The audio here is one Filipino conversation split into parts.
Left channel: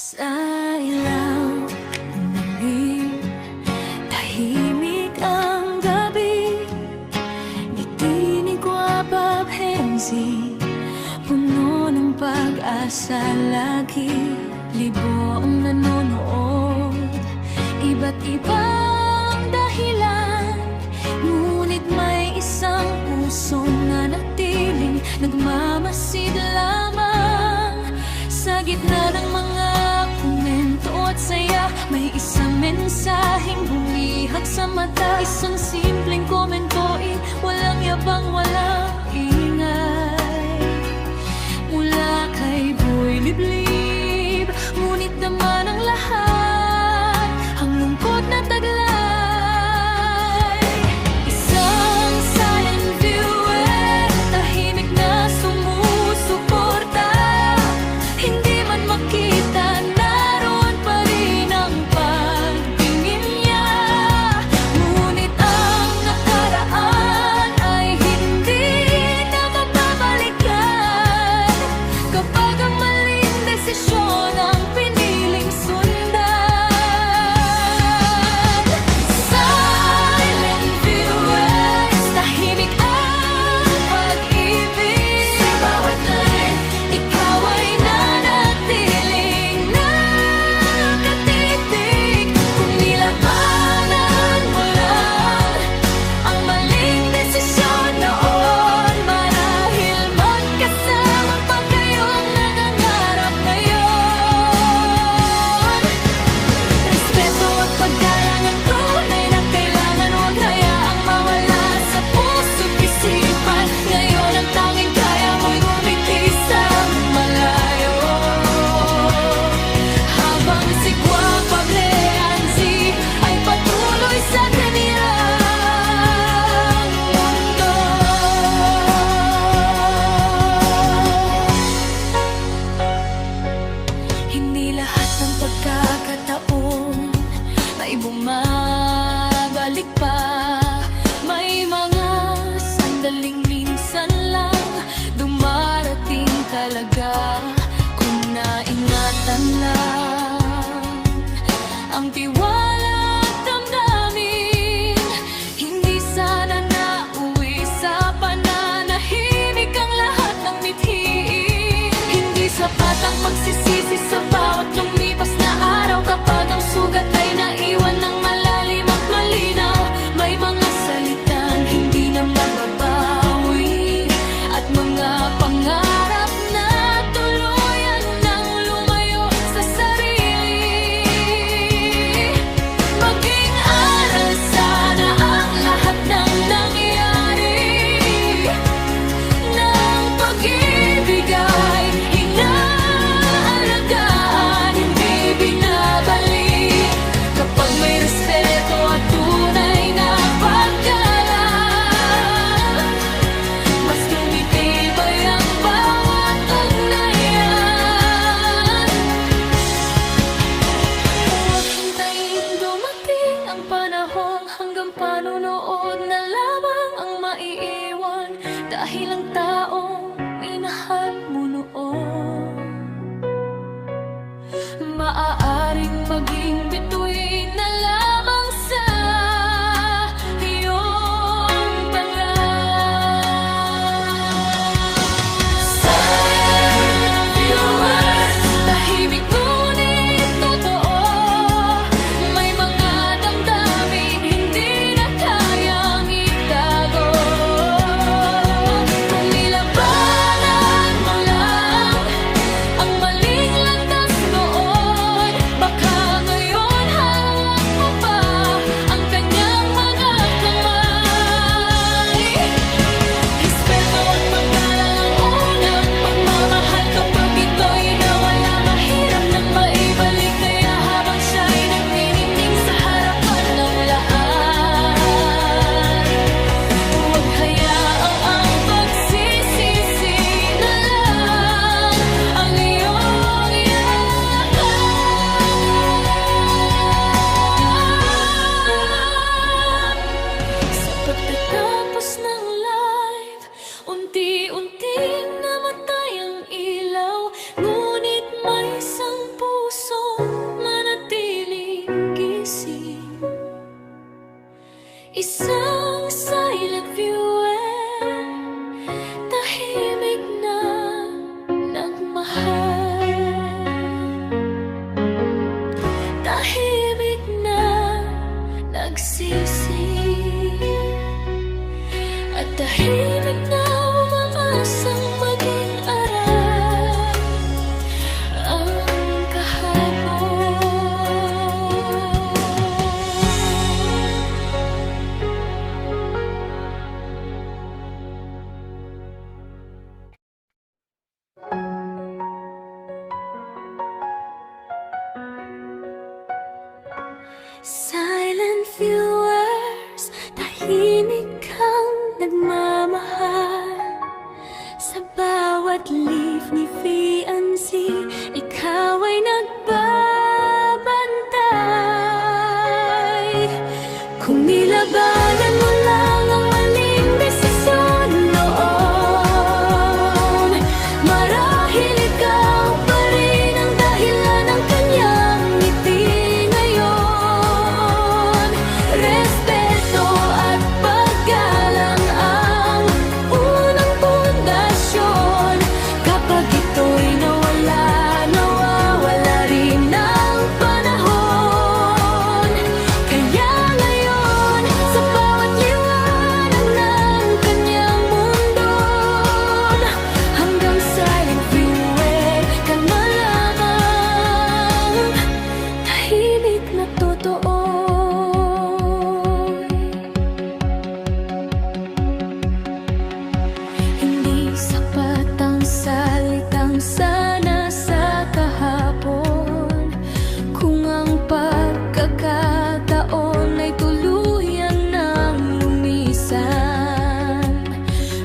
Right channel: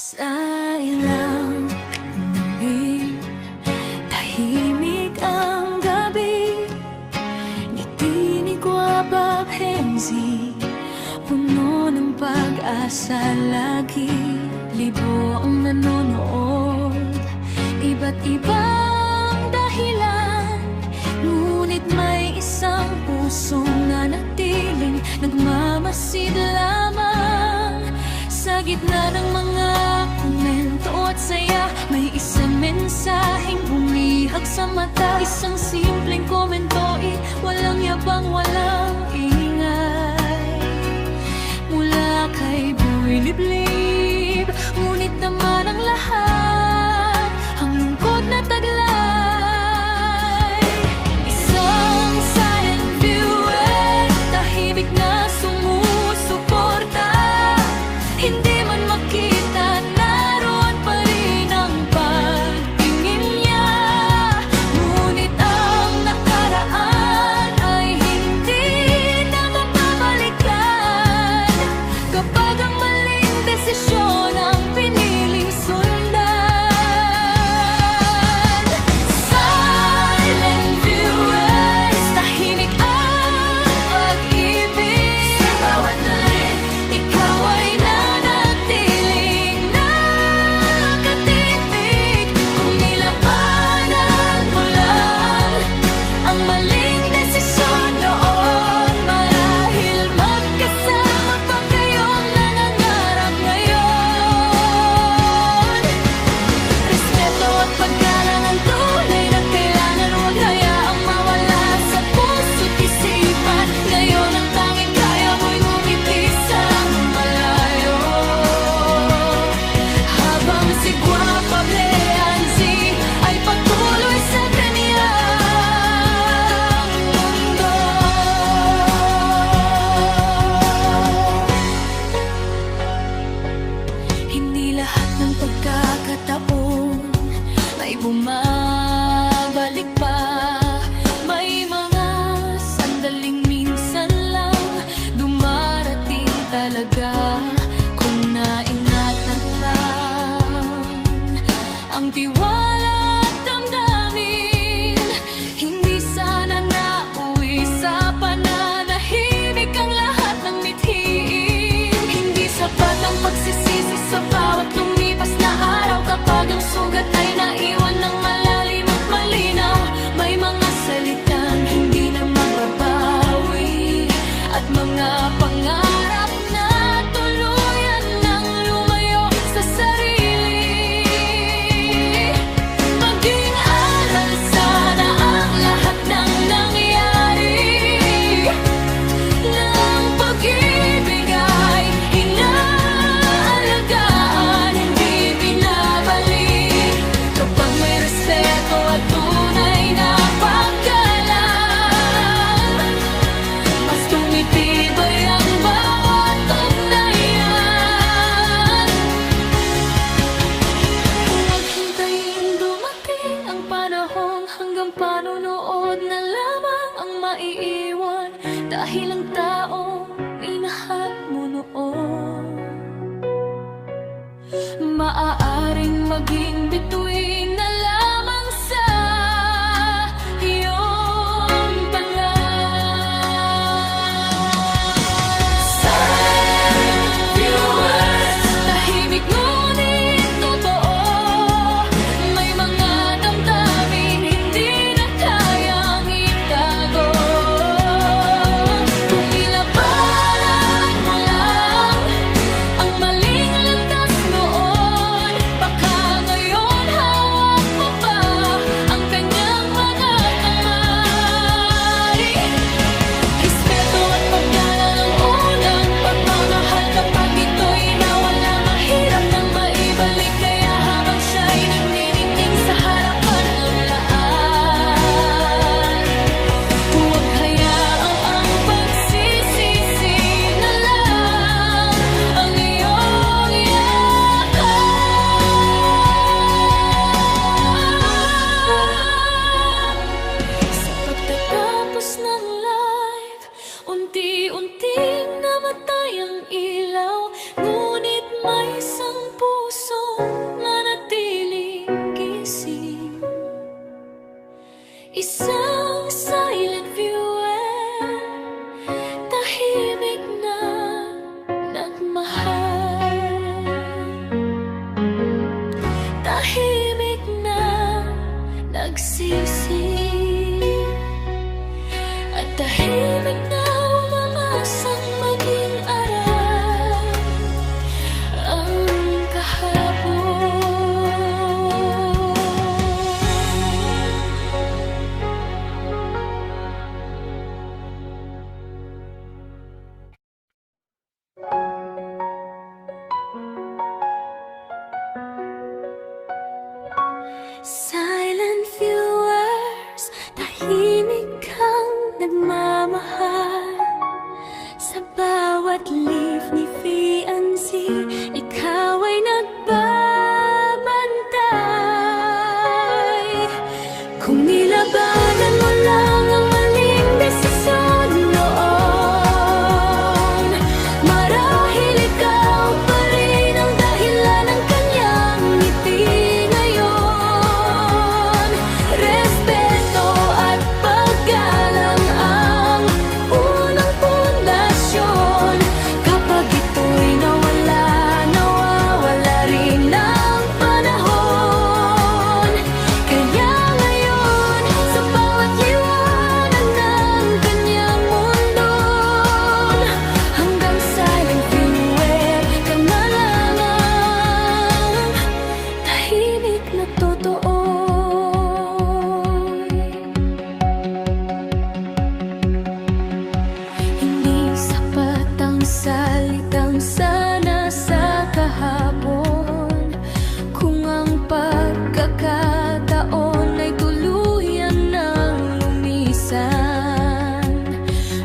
Sa ilaw ng dilim, tahimik ang gabi. Ngiti ni Guapa Penzi, puno ng pag-asa lagi. Libo ang nanonood, iba't ibang dahilan, ngunit may isang pusong nanatiling nagmamasid lamang. Sa gitna ng mga komento at saya, may isang mensaheng bumihag sa mata. Isang simpleng komento, walang yabang, walang ingay, mula kay Boy Liblib. Ngunit dama ng lahat ang lungkot na taglay. Isang silent viewer, tahimik na sumusuporta. Hindi man makita, naroon pa rin ang pagtingin niya. Ngunit ang nakaraan ay hindi na mababalikan kapag ang maling desisyon ang piniling sundan. Silent viewers, tahimik ang pag-ibig. Ikaw ay hindi lahat ng pagkakataon may bumabalik pa. May mga sandaling minsan lang dumarating talaga kung naingatan lang ang tiwala at damdamin. Hindi sana nauwi sa pananahimik ang lahat ng mithiin. Hindi sapat ang pagsisisi sa bawat lumipas na araw kapag ang sugat ay naiwan ng malalim at malinaw. May mga salitang hindi na mababawi at mga pangarap na tuluyan nang lumayo sa sarili. Maging aral sana ang lahat ng nangyari. Ng pag-ibig ay inaalagaan, hindi binabalik. Kapag may respeto at tunay na paggalang, mas tumitibay ang bawat ugnayan. Huwag hintayin dumating ang panahong hanggang panunood na lamang ang maiiwan, dahil ang taong minahal mo noon maaaring maging bituin na lamang sa iyong pangarap. Tahimik ngunit totoo, may mga damdaming hindi na kayang itago. Kung nilabanan mo lang ang maling landas noon, baka ngayon hawak mo pa ang kanyang mga kamay. Respeto at paggalang ang unang pagmamahal. Kapag ito'y nawala, mahirap nang maibalik. Kaya habang siya'y nagniningning sa harapan ng lahat, huwag hayaang ang pagsisisi na lang ang iyong yakap. Sa pagtatapos ng live, unti-unting namatay ang ilaw, ngunit may isang puso fuel, tahimik na nagmahal, tahimik na nagsisi, at tahimik na umaasang maging aral ang kahapon. Silent viewers, tahimik kang nagmamahal. Sa bawat leaf ni Fiancé, ikaw ay nagbabantay. Kung nilabanan mo lang ang maling desisyon noon, marahil ikaw pa rin ang dahilan ng kanyang ngiti ngayon. Respeto at paggalang ang unang pundasyon. Kapag ito'y nawawala rin ng panahon. Kaya ngayon, sa bawat liwanag ng kanyang mundo, hanggang silent viewer ka na lamang, tahimik na totoo. Hindi sapat ang salitang sana sa kahapon, kung ang pagkakataon ay tuluyan ng lumisan.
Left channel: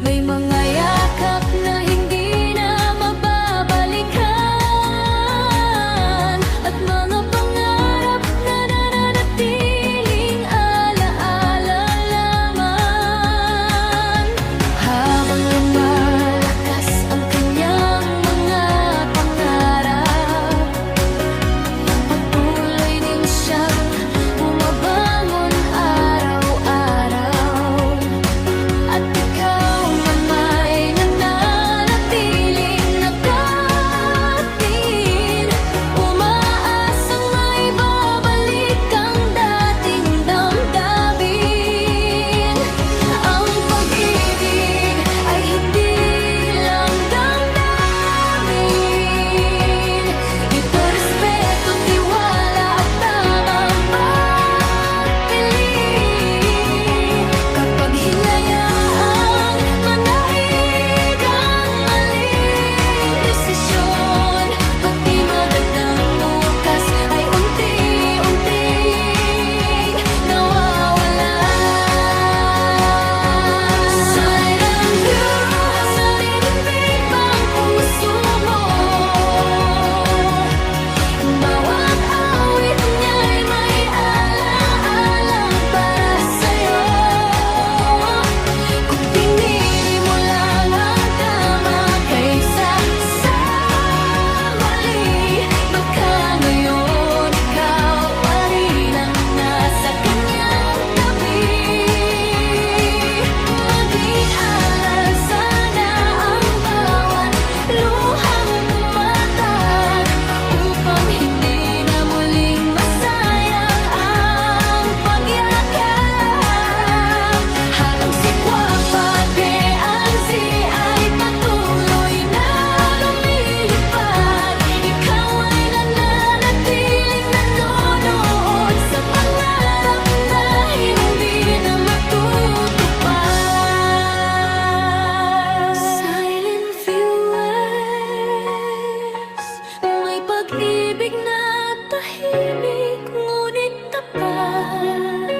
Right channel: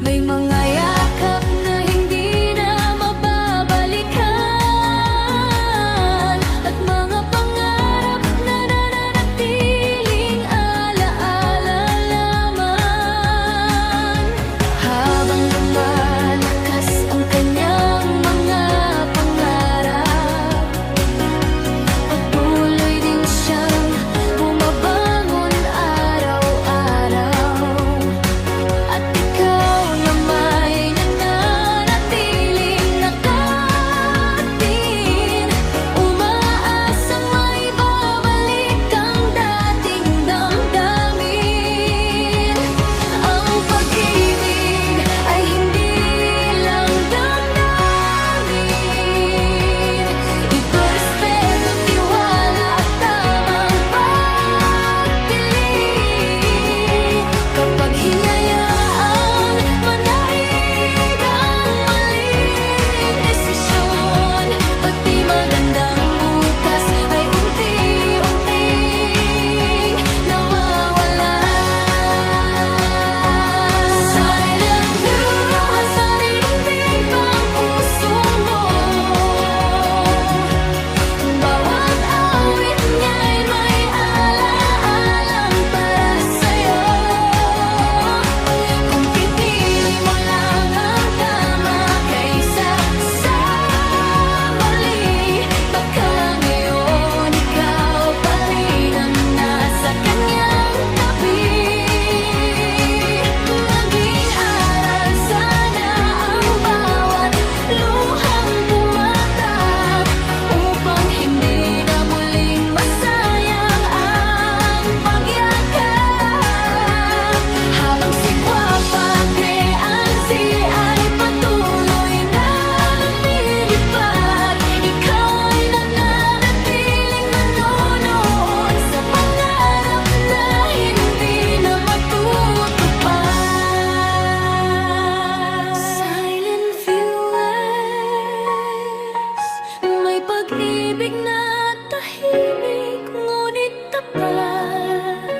May mga yakap na hindi na mababalikan, at mga pangarap na nananatiling alaala lamang. Habang lumalakas ang kanyang mga pangarap, patuloy din siyang bumabangon araw-araw. At ikaw na may nananatiling nakatin, umaasang maibabalik ang dating damdamin. Ang pag-ibig ay hindi lang damdamin, ito respeto, tiwala at tamang pagpili. Kapag hinayaang manahid ang maling desisyon, pati magandang bukas ay unti-unting nawawala. Silent viewer, sarinding pang puso mo. Bawat awit niya'y may alaalang para sa'yo. Kung pinili mo lang ang tama kaysa sa mali, baka ngayon ikaw pa rin ang nasa kanyang tabi. Maging aral sana ang bawat luhang pumatak, upang hindi na muling masayang ang pagyakap. Habang si Guapa Fiancé ay patuloy na lumilipad, ikaw ay nananatiling nanonood sa pangarap na hindi na matutupad. Silent viewers, may pag-ibig na tahimik ngunit tapat.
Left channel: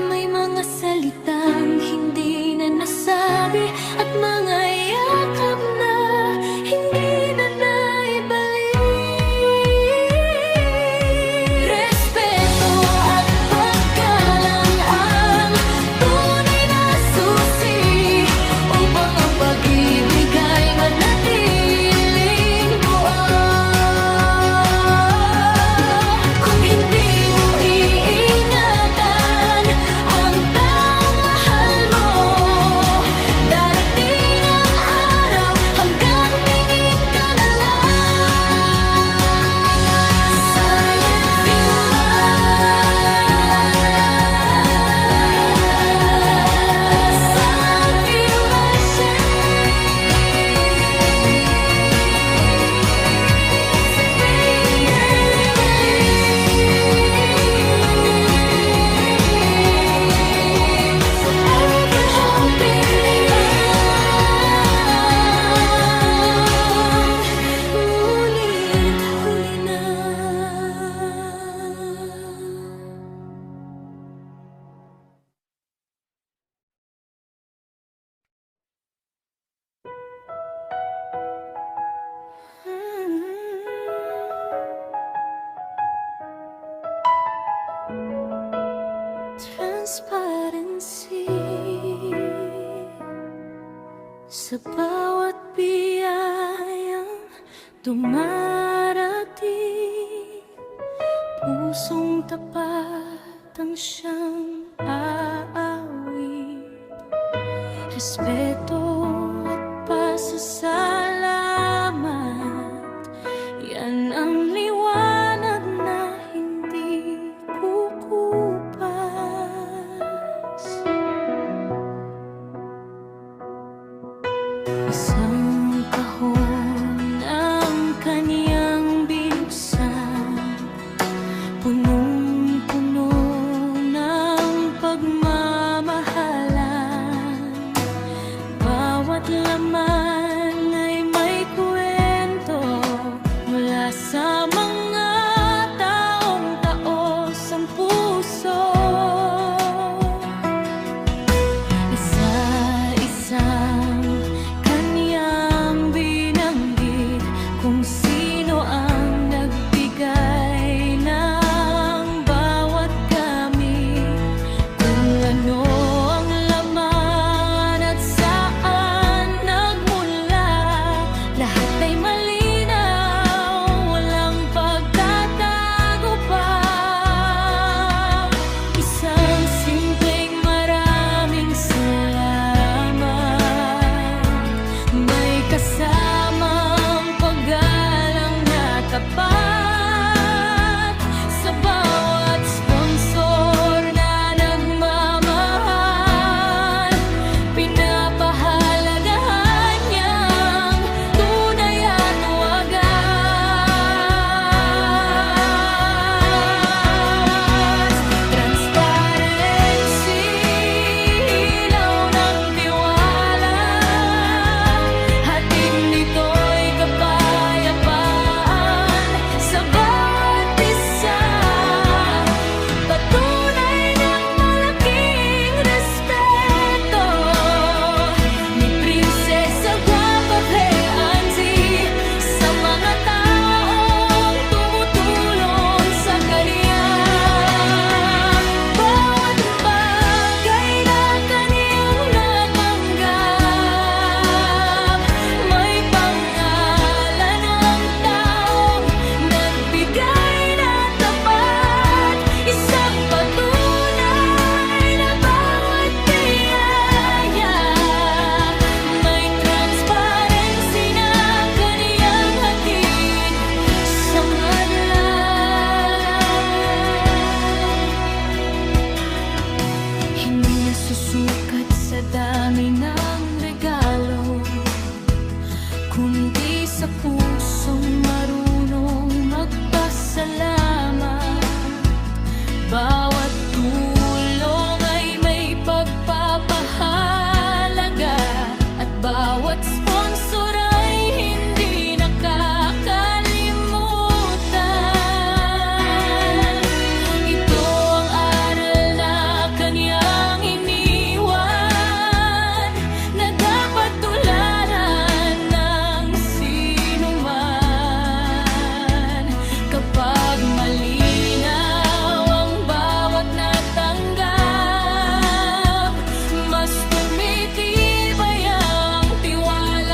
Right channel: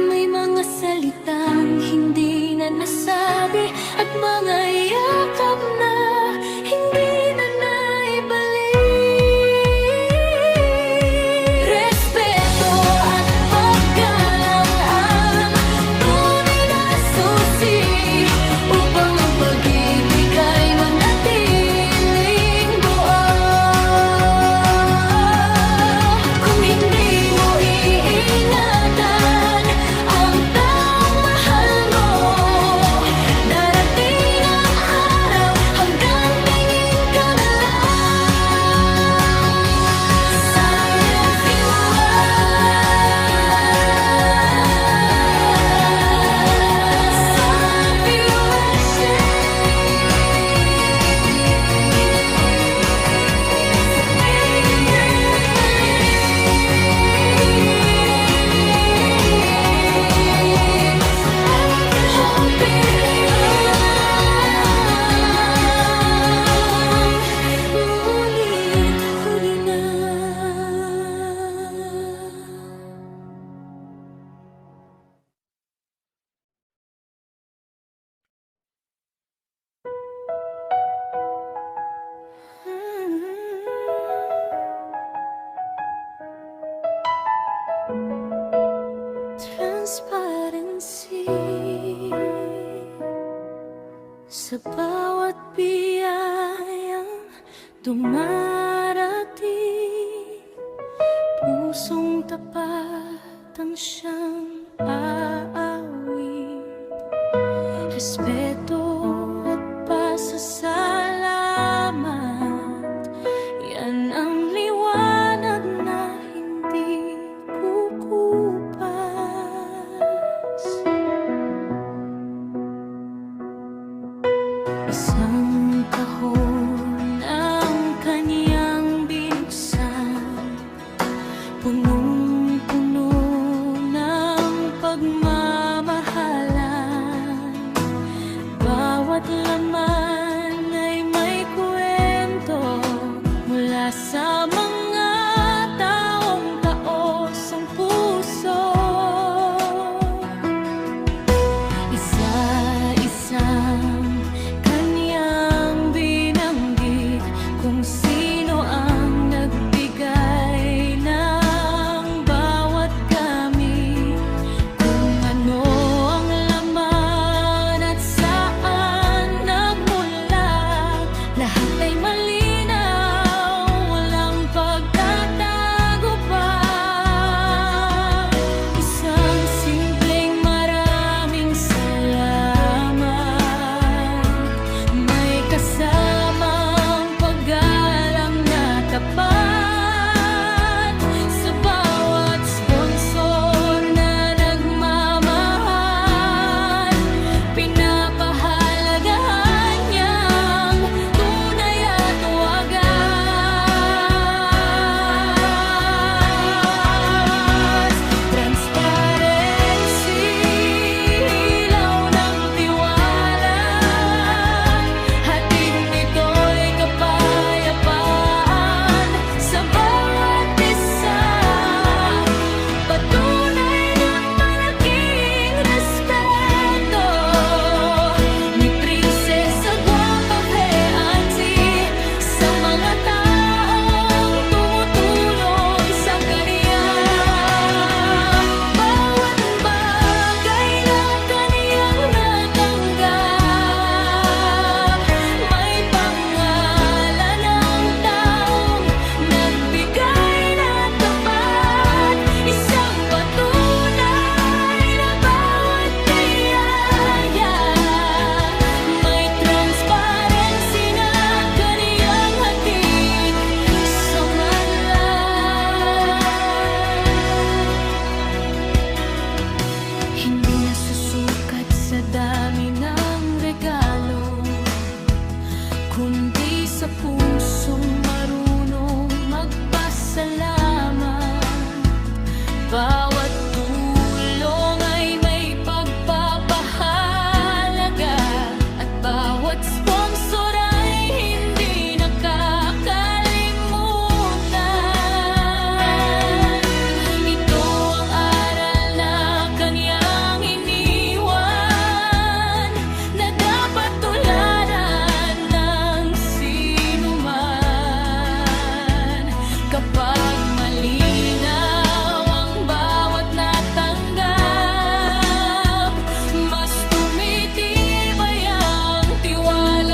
May mga salitang hindi na nasabi, at mga yakap na hindi na naibalik. Respeto at paggalang ang tunay na susi, upang ang pag-ibig ay manatiling buo. Kung hindi mo iingatan ang taong mahal mo, Sa bawat biyayang dumarating, pusong tapat ang siyang aawit. Respeto at pasasalamat, yan ang liwanag na hindi kukupas. Isang kahon ang kaniyang binuksan, punong-puno ng pagmamahalan. Bawat laman ay may kwento mula sa mga taong taos ang puso. Isa-isang kaniyang binanggit kung sino ang nagbigay ng bawat gamit, kung ano ang laman at saan nagmula. Lahat ay malinaw, walang pagtatago pa. Isang simpleng maraming salamat, may kasamang paggalang na tapat. Sa bawat sponsor na nagmamahal, pinapahalagahan niyang tunay at wagas. Transparency, ilaw ng tiwala, hatid nito'y kapayapaan sa bawat isa. Patunay ng malaking respeto ni Prinsesa Guapa Veanzi sa mga taong tumutulong sa kaniya. Bawat bagay na kaniyang natanggap, may pangalan ng taong nagbigay na tapat. Isang patunay na bawat biyaya, may transparency na kaniyang hatid sa madla. Hindi nasusukat sa dami ng regalo, kundi sa pusong marunong magpasalamat. Bawat tulong ay may pagpapahalaga, at bawat sponsor ay hindi nakakalimutan. Ito ang aral na kaniyang iniwan, na dapat tularan ng sino man. Kapag malinaw ang bawat natanggap, mas tumitibay ang tiwala.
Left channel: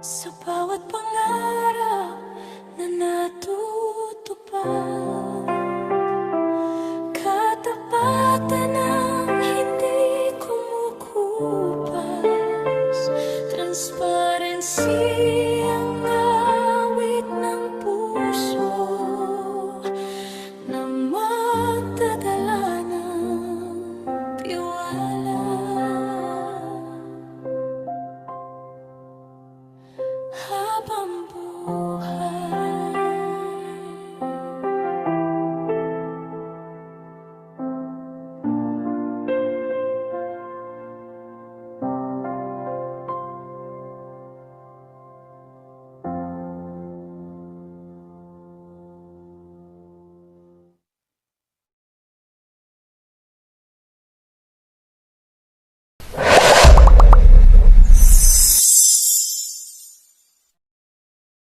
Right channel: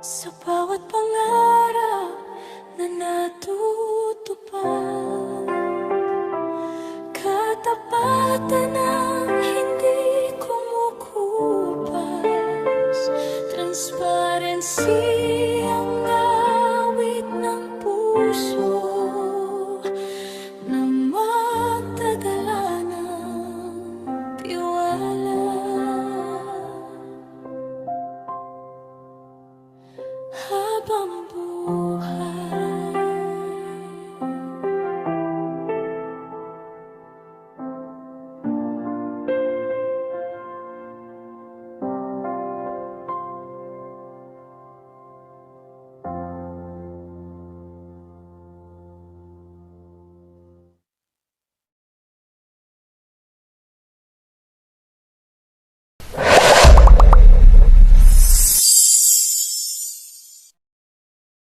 Sa bawat pangarap na natutupad, katapatan ang hindi kumukupas, transparency ang awit ng puso na magdadala ng tiwala. Habang